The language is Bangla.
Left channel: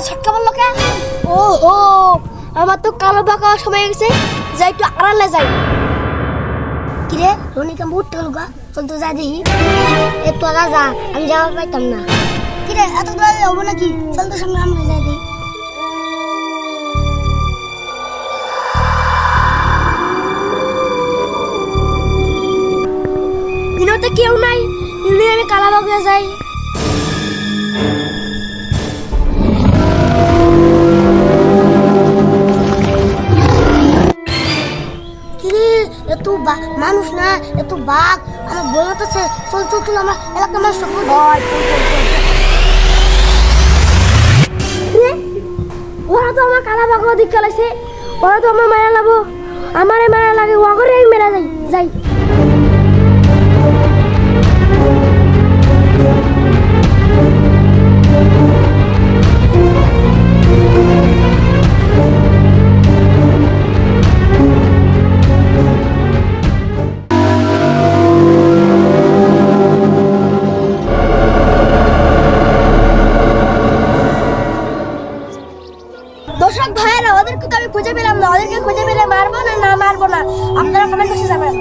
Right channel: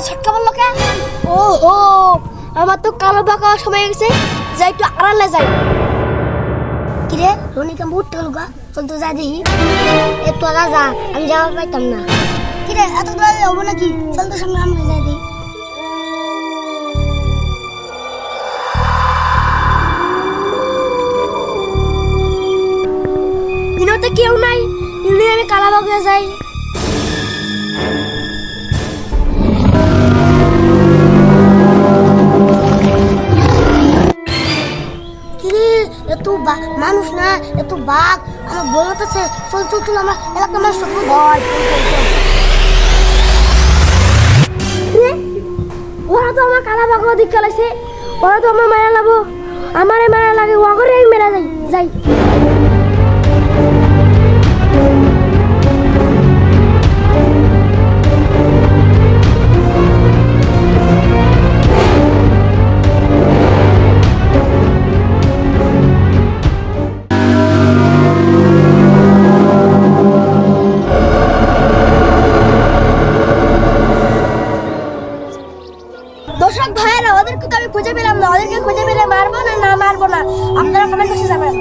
আমার ছটকা বললো কে? ওহো, আমার তো কালো বাঁকা সময় গেছে, যাই একটু আড়ালে যাই। কিরে রনিকা উঠতে গেল গা, চল তো যাই দেখি। এ তোরা যা, আমি যাওয়া পাইতাম না। কিরে এত দূরে যাবো নাকি? চল তো সঙ্গে আমরা যাই দেখি। দিনতে কেউ নাই, নিলে আমি কালাবাগে যাই। মানুষ না এত বাঘ আমার বলতেছে চল চল চল আমরা এলাকা মানুষ ওরা তো আমার কালা বাঘ দিক চালাইছে, ওরা তো আমার মায়া লাগবো, আমারে মায়া লাগে ওগরে মেরা যাই যাই। দর্শক ভাইয়েরা ওদেরকে তো আমি খুঁজে পেলাম না, ওদেরকে খুঁজে পেলে মারবো না না মারবো না আপনারা কমেন্ট বক্সে জানান।